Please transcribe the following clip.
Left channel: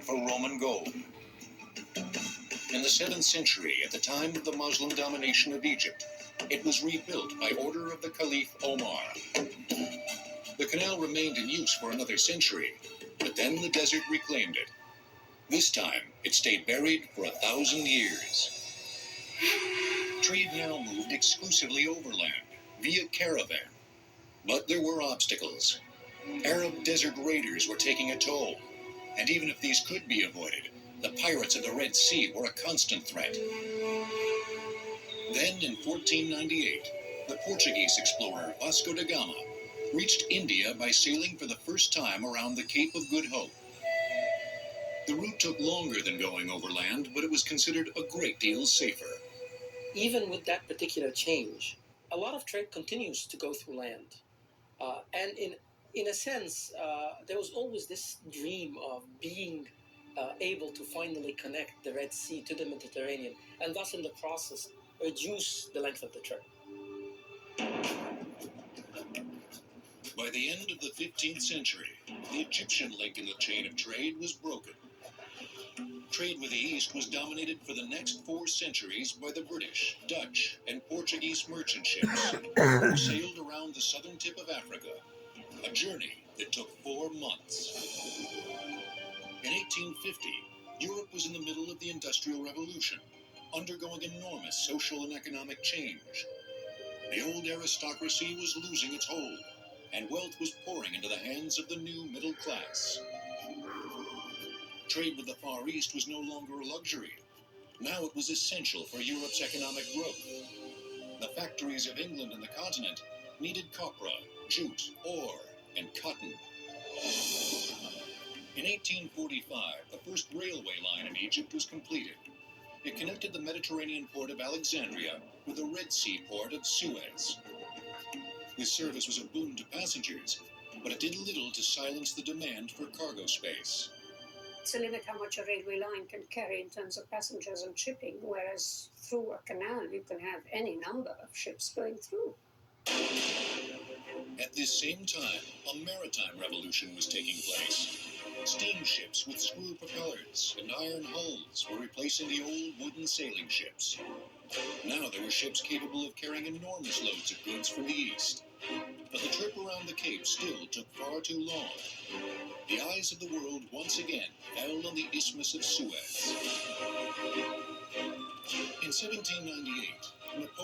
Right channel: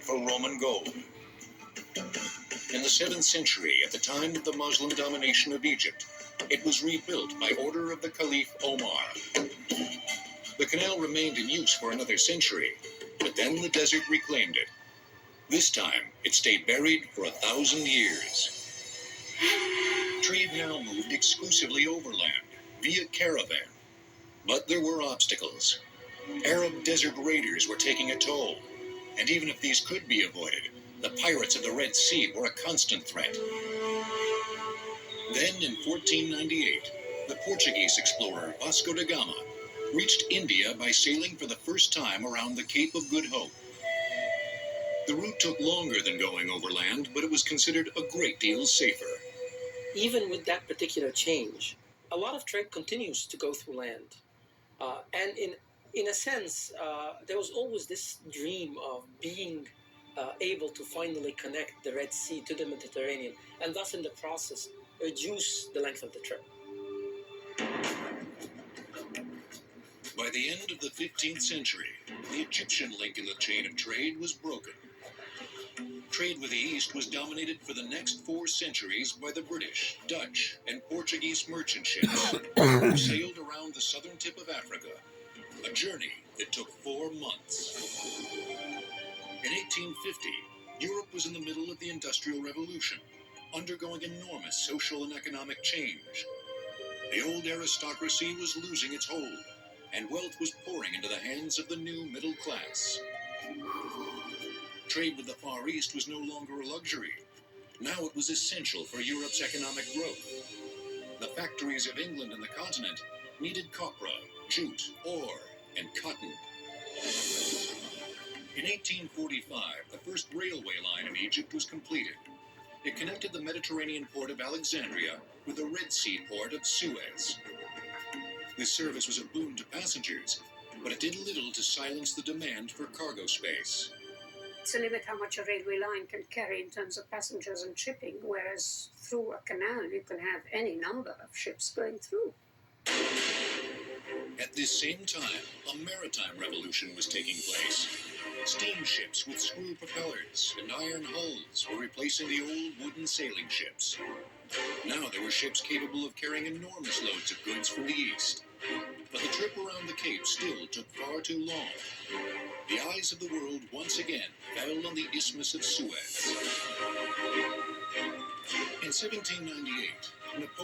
for Roman gold. In the 7th century, at the time of the Muslim domination of Egypt, it was rebuilt by order of the Caliph Omar. The canal remained in use for another century, but then the desert reclaimed it. This time, it stayed buried for 1,000 years. Trade now moved exclusively overland, via caravan. But there were obstacles. Arab desert raiders were taking a toll, and even if these could be avoided, the pirates of the Red Sea were a constant threat. Then, in 1498, the Portuguese explorer Vasco da Gama reached India by sailing for the first time around the Cape of Good Hope. The route took longer than going overland, but it was considered a great deal safer. Even with that particular change, a lot of trade continues to go through land. And in a sense, there was always this dream of being able to finally connect the Red Sea to the Mediterranean, and thus in the process reduce the length of the trip. By the end of the 15th century, the Egyptian link in the chain of trade was broken. Trade with the East was dominated for the next 4 centuries by the British, Dutch, and Portuguese merchant ships who sailed around the southern tip of Africa, a journey that took 4 months. In 1850, Europe was in the middle of the Industrial Revolution, undergoing enormous social and economic change. The old aristocracy was losing its hold, and wealth was pouring into the hands of the new middle class. Trade with the Far East was no longer a luxury. Now it was essential for Europe's economic growth. The factories of England and the continent needed copra, jute, ore, and cotton. In 1845, the first railway line in Egypt was completed. It connected the Mediterranean port of Alexandria with the Red Sea port of Suez. This service was a boon to passengers, but it did little to silence the demand for cargo space. It's a limit how much a railway line can carry in terms of passengers and shipping, whereas through a canal you can have any number of ships going through. At this same time, a maritime revolution was taking place. Steamships with screw propellers and iron hulls were replacing the old wooden sailing ships. Now there were ships capable of carrying enormous loads of goods from the east. But the trip around the Cape still took far too long. The eyes of the world once again fell on the Isthmus of Suez. In 1798, Napoleon